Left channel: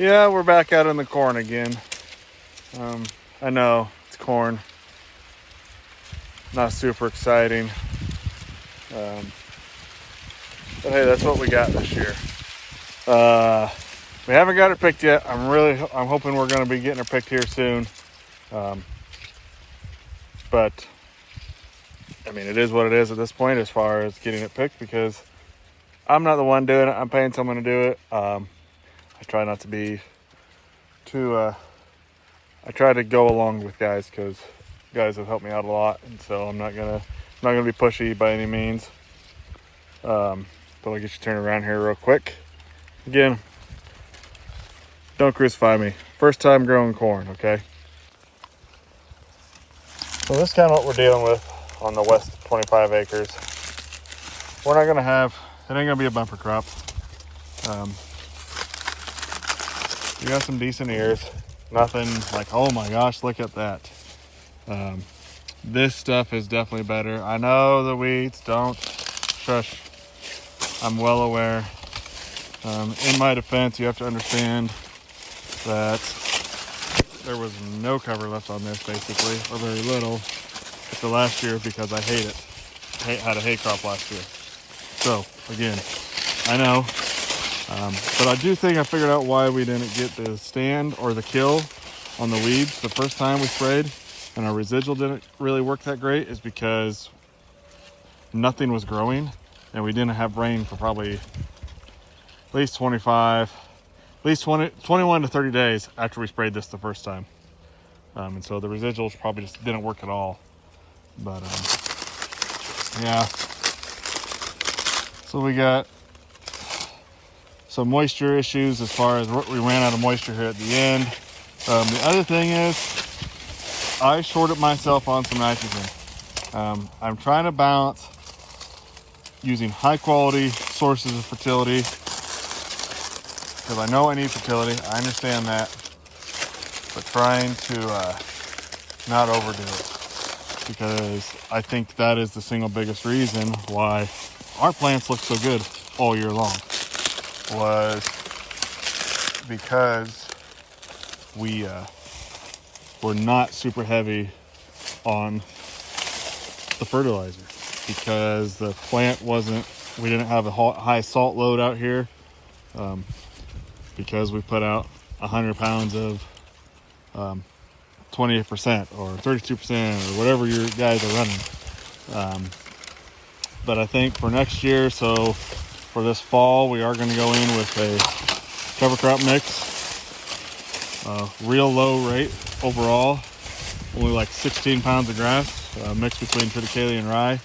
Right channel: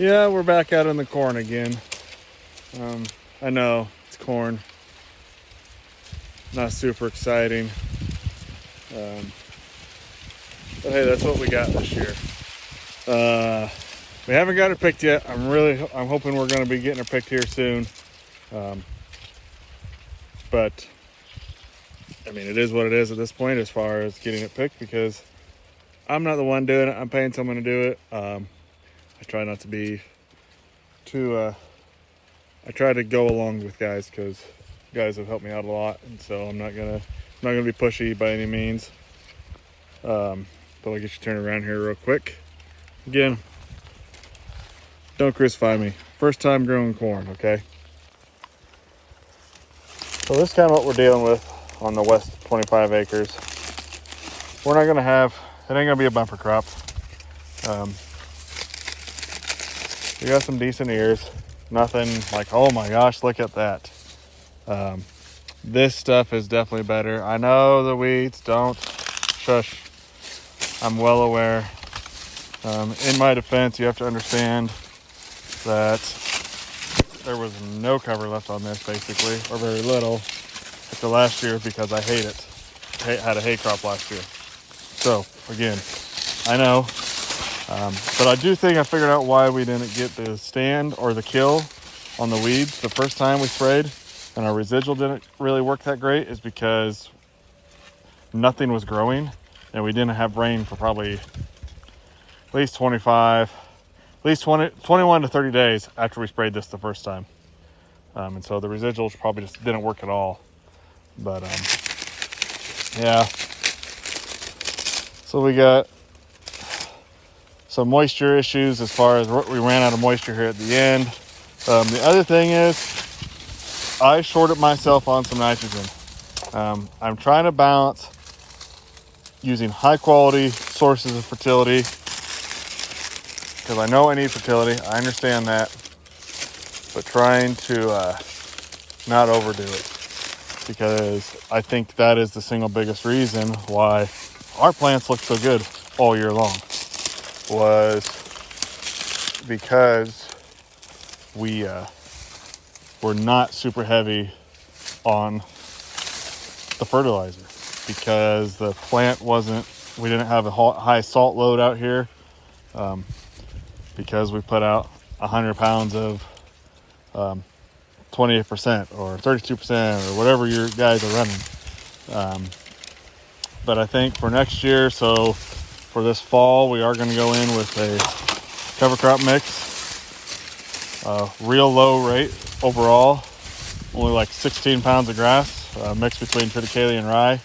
Yeah, we're back out in the corn again. I know it's corn, not super exciting, but hey, that's what we got this year. We haven't got her picked yet. I'm hoping we're going to be getting her picked here soon. But I mean, it is what it is at this point as far as getting it picked, because I'm not the one doing it. I'm paying someone to do it. I try not to be too. I try to go along with guys because guys have helped me out a lot, and so I'm not gonna be pushy by any means. But I'll get you turned around here real quick. Again, don't crucify me. First time growing corn, okay? So this is kind of what we're dealing with on the less 25 acres. We're not gonna have. It ain't gonna be a bumper crop. We got some decent ears. Nothing like, oh my gosh, look at that. This stuff is definitely better. I know the weeds don't push. I'm well aware. In my defense, you have to understand that there was no cover left on this, basically, or very little. But the last year, because I hate it. I had a hay crop last year. So, again, I know. But I do think I figured out why we didn't get the stand or the kill on the weeds the first time we sprayed, and our residual didn't really work that great, is because nothing was growing and we didn't have rain for probably at least 21 to 30 days after we sprayed this the first time. And so the residuals probably just didn't work at all. But yeah. So we got some moisture issues as far as we ran out of moisture here at the end. The other thing is I shorted myself on some nitrogen. I'm trying to balance using high quality sources of fertility, because I know I need fertility. I understand that, but trying to not overdo it, because I think that is the single biggest reason why our plants look so good all year long, was because we're not super heavy on the fertilizer, because the plant we didn't have a high salt load out here, because we put out 100 pounds of 28% or 32% or whatever your guys are running. But I think for next year, so for this fall, we are going to go in with a cover crop mix. Real low rate overall, only like 16 pounds of grass, mixed between triticale and rye,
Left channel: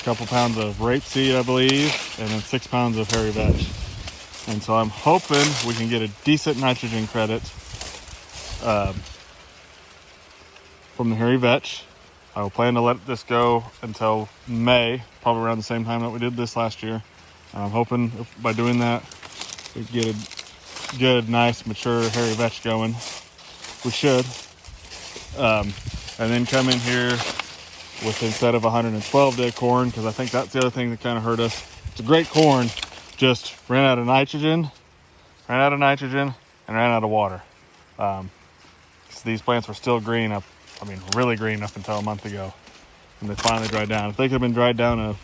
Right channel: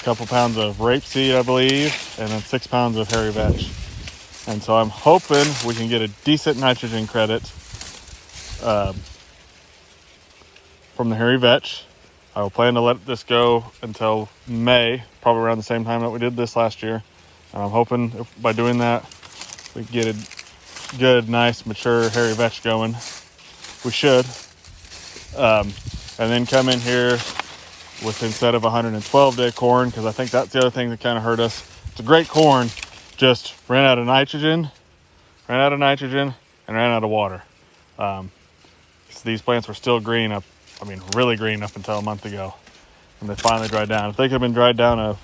a couple pounds of rapeseed, I believe, and then 6 pounds of hairy vetch. And so I'm hoping we can get a decent nitrogen credit from the hairy vetch. I will plan to let this go until May, probably around the same time that we did this last year. And I'm hoping by doing that, we get a good, nice, mature hairy vetch going. We should. And then come in here with, instead of 112-day corn, because I think that's the other thing that kind of hurt us. It's a great corn, just ran out of nitrogen, and ran out of water. So these plants were still green really green up until a month ago, and they finally dried down. If they could have been dried down a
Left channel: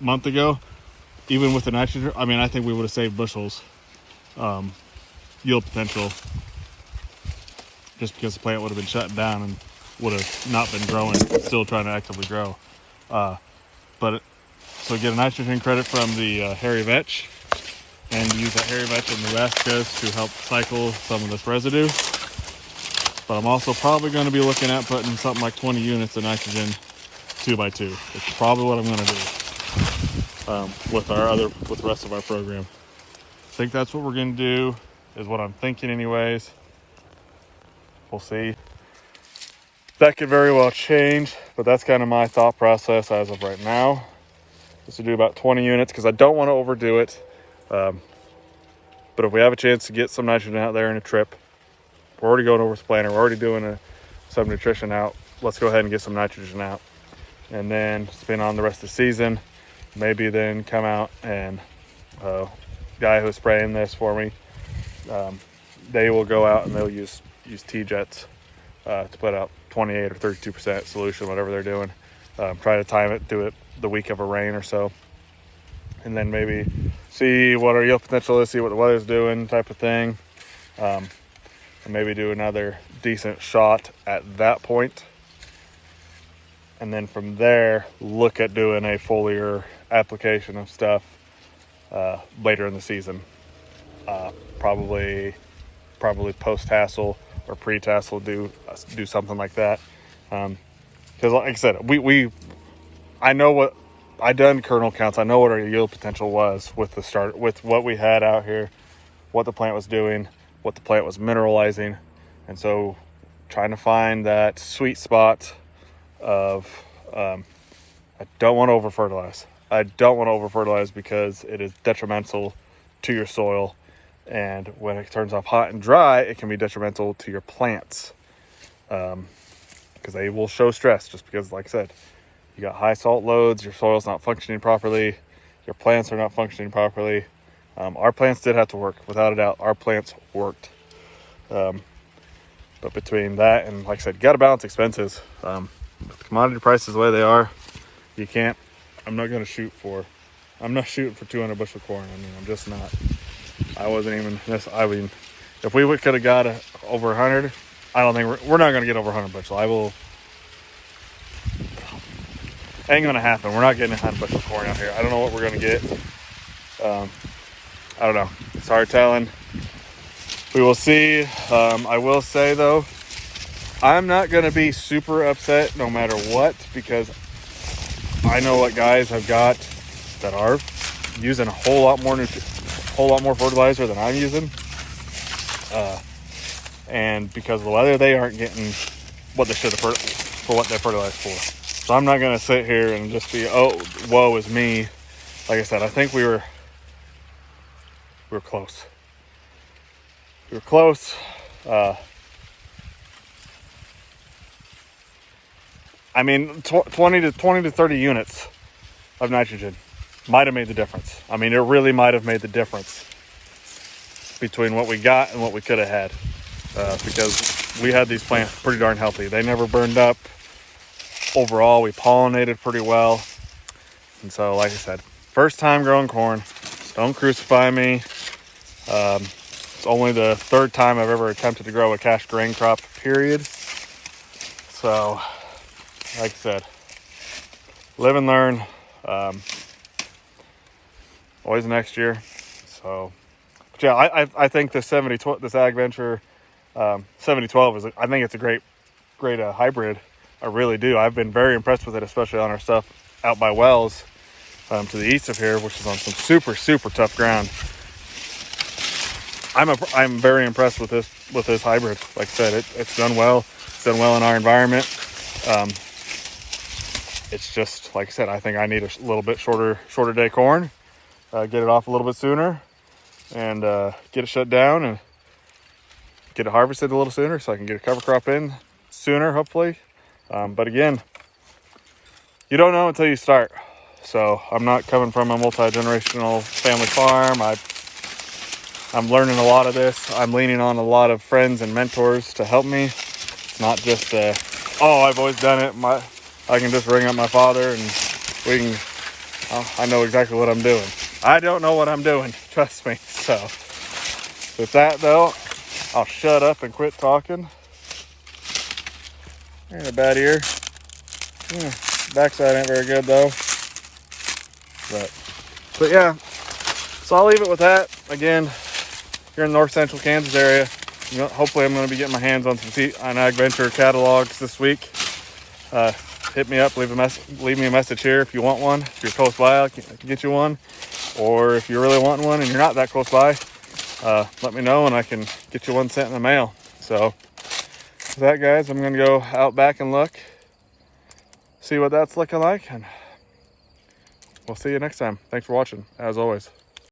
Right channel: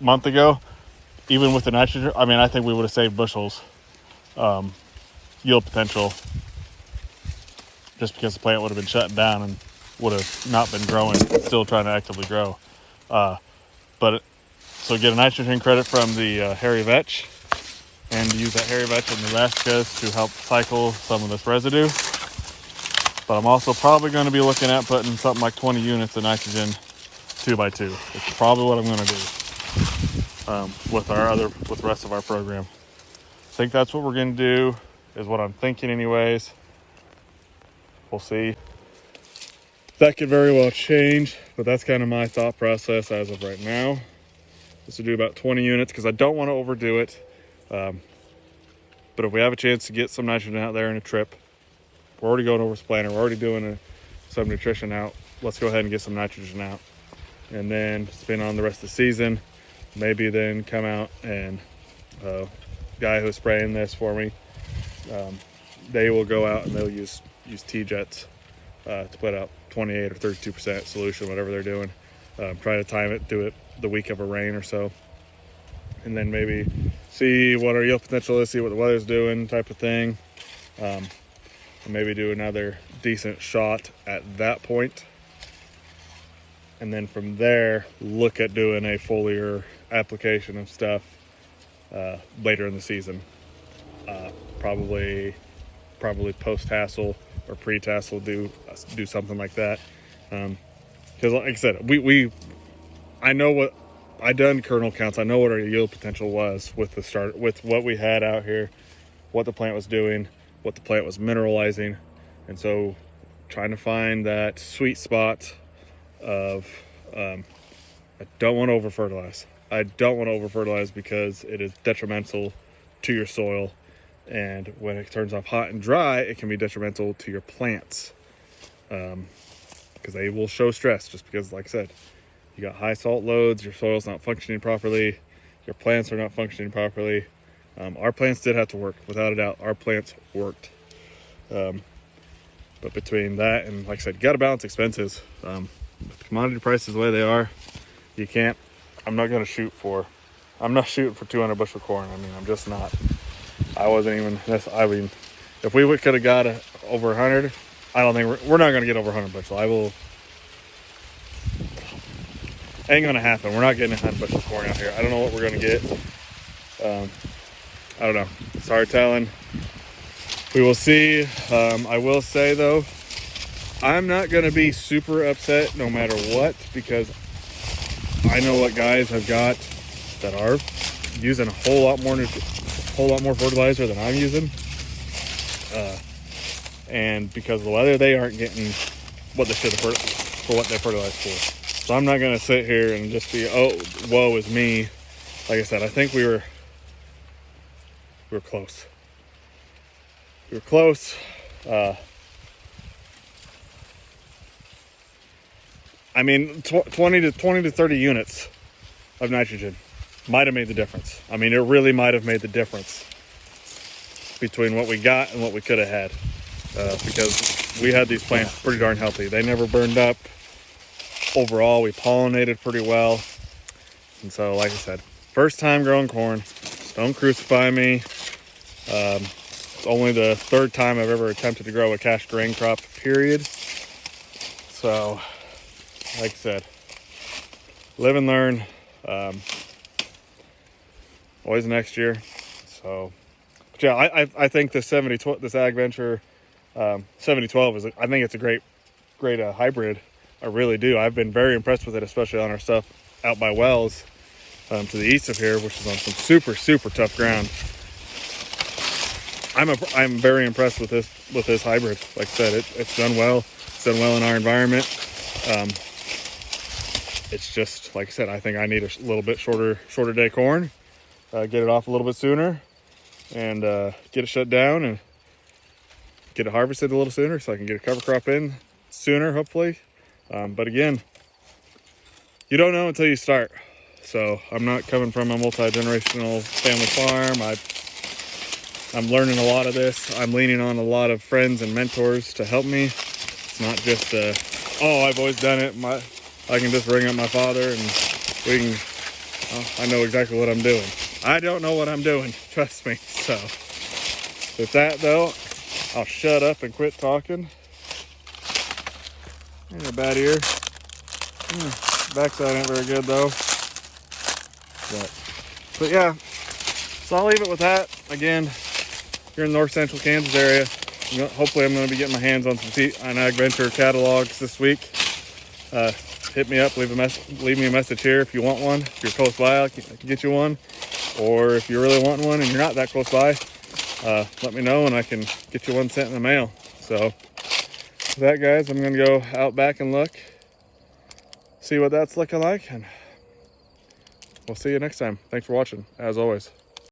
month ago, even with the nitrogen, I think we would have saved bushels yield potential, just because the plant would have been shut down and would have not been growing, still trying to actively grow. So get a nitrogen credit from the hairy vetch, and use that hairy vetch on the west coast to help cycle some of this residue. But I'm also probably going to be looking at putting something like 20 units of nitrogen 2x2, which is probably what I'm going to do with the rest of our program. I think that's what we're going to do, is what I'm thinking anyways. We'll see. That could very well change, but that's kind of my thought process as of right now, is to do about 20 units, because I don't want to overdo it. But if we have a chance to get some nitrogen out there in a trip, we're already going over with the planter, we're already doing some nutrition out, let's go ahead and get some nitrogen out, and then spin on the rest of the season. Maybe then come out and guy who's spraying this for me, they will go out and they'll use T-Jets to put out 28 or 32% solution, whatever they're doing. Try to time it, do it the week of a rain or so, and then maybe see what our yield potential is, see what the weather's doing, type of thing, and maybe do another decent shot at that point. And then from there, look at doing a foliar application of stuff later in the season. Probably post-tassel or pre-tassel, do something like that. Because like I said, I know what I done kernel counts. I know what our yield potential was with what we had out here, what the plant was doing, what the plant was mineralizing, and so trying to find that sweet spot of I don't want to over fertilize. I don't want to over fertilize because it is detrimental to your soil, and when it turns off hot and dry, it can be detrimental to your plants because they will show stress. Just because, like I said, you got high salt loads, your soil's not functioning properly, your plants are not functioning properly. Our plants did have to work, without a doubt. Our plants worked. But between that and, like I said, you got to balance expenses. With the commodity prices the way they are, you can't. I'm not shooting for 200 bushel corn. I mean, I'm just not. I wasn't even. I mean, if we could have got over 100, I don't think we're not going to get over 100 bushel. Ain't going to happen. We're not getting 100 bushel corn out here. I don't know what we're going to get. I don't know. It's hard telling. We will see. I will say though, I'm not going to be super upset no matter what, because I know what guys have got that are using a whole lot more fertilizer than I'm using, and because of the weather, they aren't getting what they should have for what they fertilized for. So I'm not going to sit here and just be, oh, woe is me. Like I said, I think we were close. We were close. I mean, 20 to 30 units of nitrogen might have made the difference. I mean, it really might have made the difference between what we got and what we could have had, because we had these plants pretty darn healthy. They never burned up. Overall, we pollinated pretty well. And so, like I said, first time growing corn. Don't crucify me. It's only the third time I've ever attempted to grow a cash grain crop, period. So, like I said, live and learn. Always next year. So, but yeah, I think this Ag Venture 7012 is. I think it's a great hybrid. I really do. I've been very impressed with it, especially on our stuff out by Wells to the east of here, which is on some super tough ground. I'm very impressed with this hybrid. Like I said, it's done well. It's done well in our environment. It's just, like I said, I think I need a little bit shorter day corn, get it off a little bit sooner, and get it shut down and get it harvested a little sooner so I can get a cover crop in sooner, hopefully. But again, you don't know until you start. So I'm not coming from a multi-generational family farm. I'm learning a lot of this. I'm leaning on a lot of friends and mentors to help me. It's not just I've always done it. I can just ring up my father and I know exactly what I'm doing. I don't know what I'm doing, trust me. So with that though, I'll shut up and quit talking. You're in a bad ear. Backside ain't very good though. But yeah, so I'll leave it with that. Again, here in North Central Kansas area, hopefully I'm going to be getting my hands on some Ag Venture catalogs this week. Hit me up, leave me a message here if you want one. If you're close by, I can get you one. Or if you're really wanting one and you're not that close by, let me know and I can get you one sent in the mail. So with that, guys, I'm going to go out back and look, see what that's looking like, and we'll see you next time. Thanks for watching, as always.